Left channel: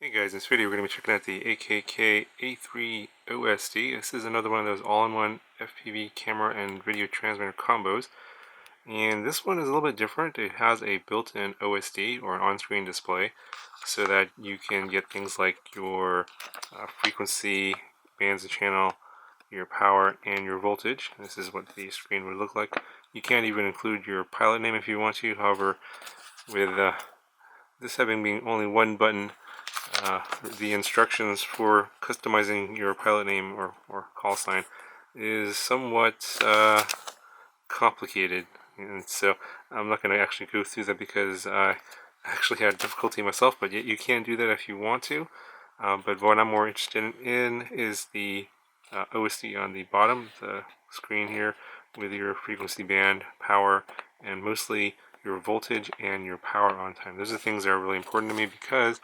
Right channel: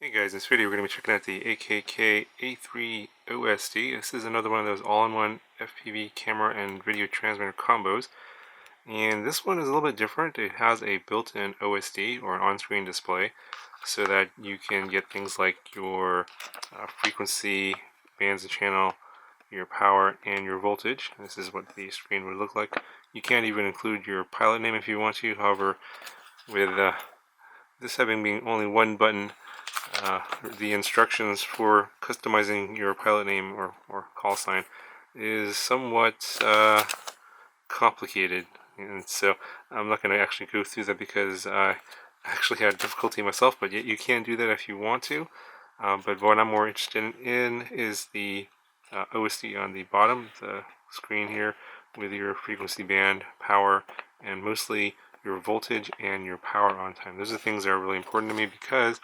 Hey guys, in this video we're going to be checking out the AKK A3-OSD. This is another one of those all-in-one FPV camera and video transmitter combos. And this one is a little bit different. It has a built-in OSD, or an on-screen display, so that you can get things like your frequency, bands of channel, your power, and your voltage. This is what the screen would look like. You can even include your pilot name if you want to. However, with this having being only one button, the instructions for customizing your pilot name or call sign is somewhat complicated, and so I'm not going to actually go through that because I actually had difficulty myself, but yet you can do that if you want to. But what I'm more interested in is the OSD on the bottom, the screen here, with your frequency band, power, and mostly your voltage and your power on time. Those are things that are really important to me because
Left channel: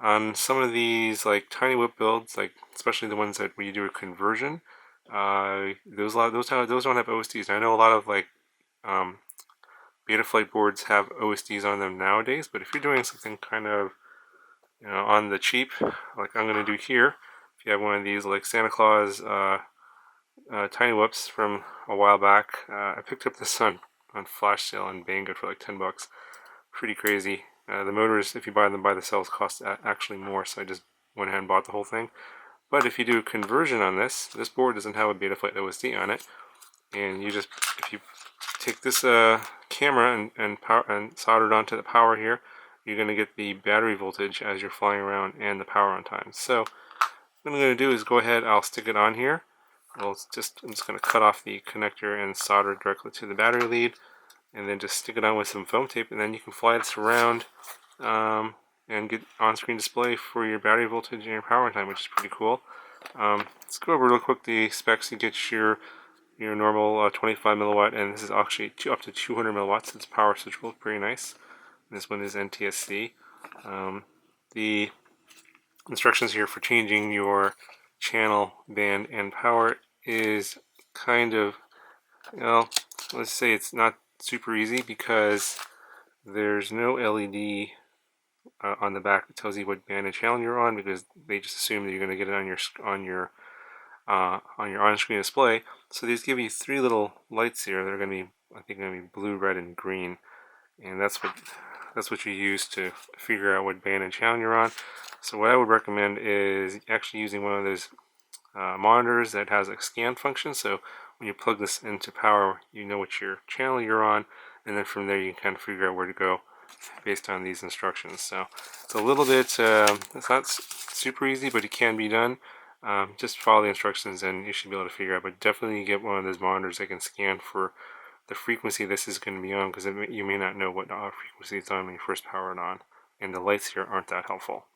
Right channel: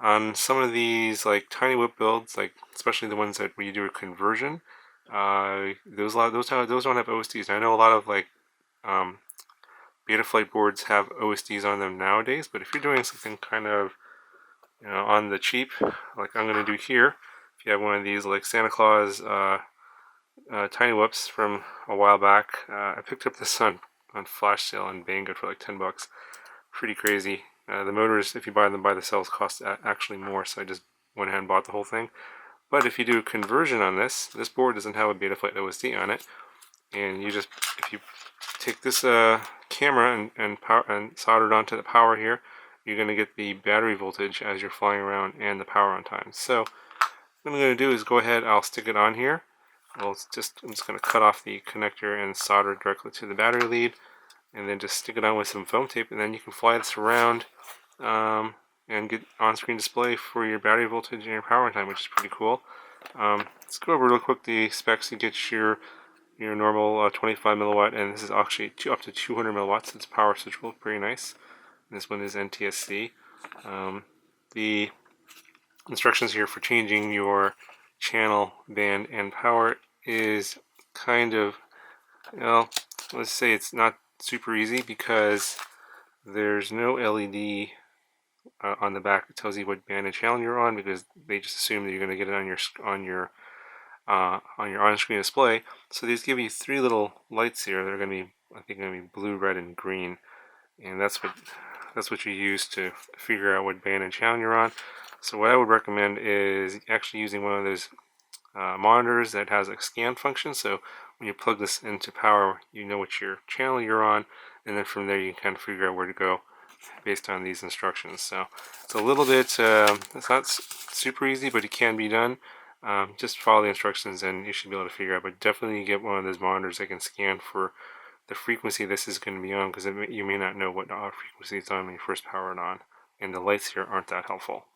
on some of these like tiny whip builds, like especially the ones that where you do a conversion, those don't have OSDs. I know a lot of like Betaflight boards have OSDs on them nowadays, but if you're doing something kind of on the cheap, like I'm going to do here, if you have one of these like Santa Claus tiny whips from a while back, I picked up this on flash sale on Banggood for like $10. Pretty crazy. The motors, if you buy them by the cells, cost actually more, so I just went ahead and bought the whole thing. But if you do a conversion on this board doesn't have a Betaflight OSD on it, and you just, if you take this camera and solder it onto the power here, you're going to get the battery voltage as you're flying around and the power on time. So what I'm going to do is go ahead, I'll stick it on here. I'm just going to cut off the connector and solder it directly to the battery lead, and then just stick it on with some foam tape, and then you can fly this around and get on-screen display for your battery voltage and your power time, which is pretty cool. Let's go over real quick the specs. You get your normal 25 milliwatt, and this is actually up to 200 milliwatts. It's power switchable, pretty nice. And this one is NTSC. The instructions here for changing your channel, band, and power is kind of, let's say it's not super easy because there's no LED on the back that tells you what band and channel you're on, because they just assume that you're going to get it on your on-screen display. So these give you three little lights here. They're going to be, I think, going to be blue, red, and green, and that's what you use to figure out what band and channel you're on. So what I would recommend is actually using one of those monitors that has a scan function. So when you plug this into power, you know what your channel you're on, and then from there you can kind of figure out where to go based on these instructions. So it's a little bit, it's not super easy, but it can be done. Just follow the instructions and you should be able to figure out. But definitely get one of those monitors that can scan for the frequency this is going to be on, because you may not know what frequency it's on when you first power it on, and the lights here aren't that helpful.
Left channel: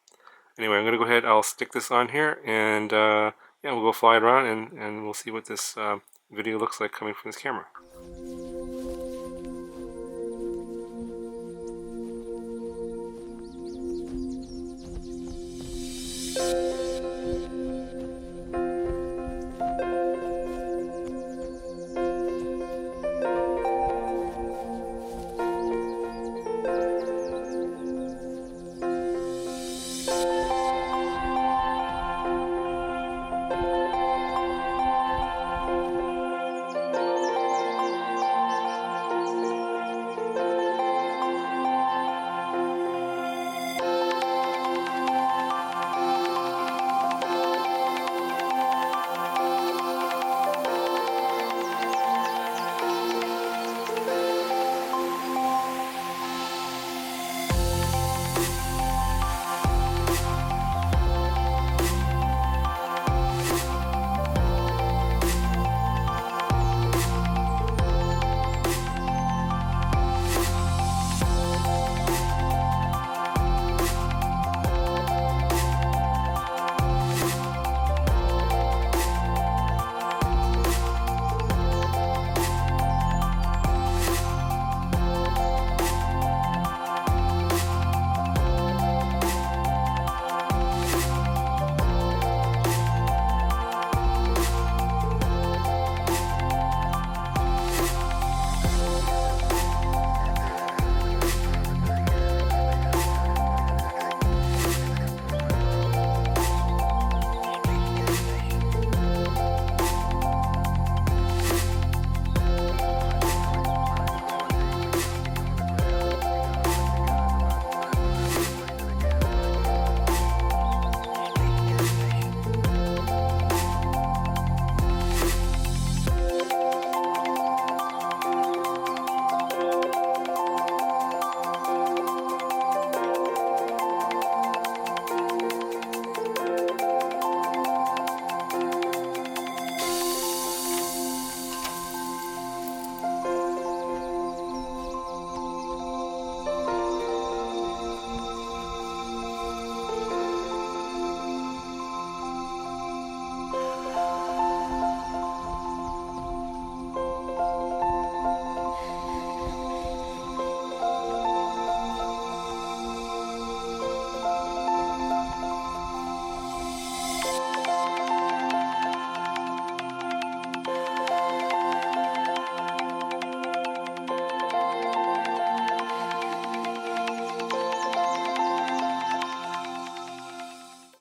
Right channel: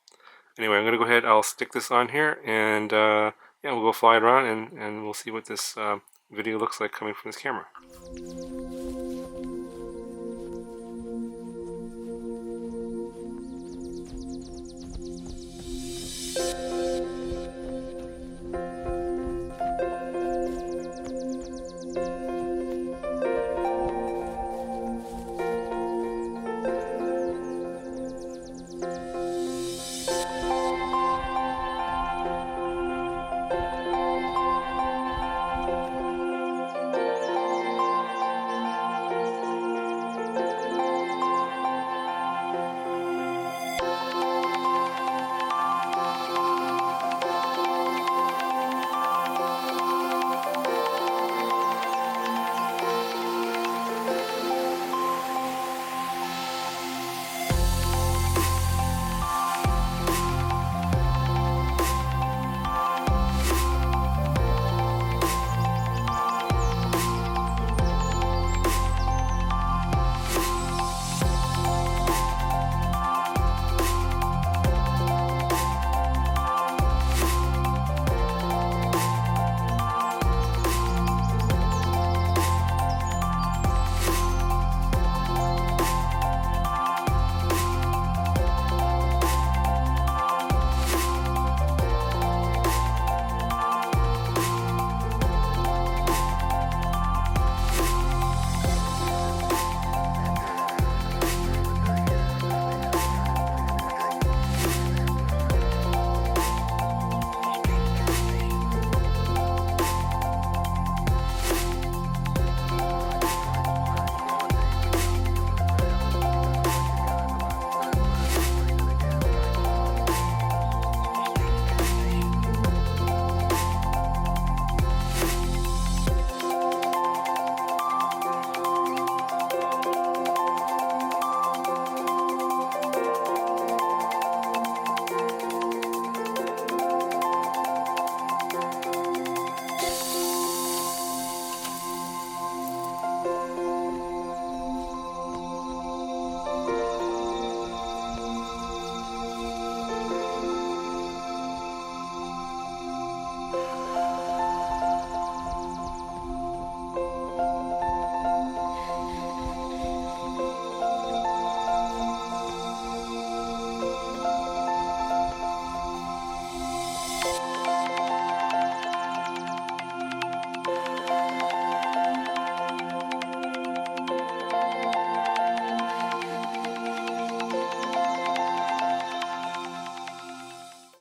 Anyway, I'm going to go ahead, I'll stick this on here, and yeah, we'll go fly it around, and we'll see what this video looks like coming from this camera.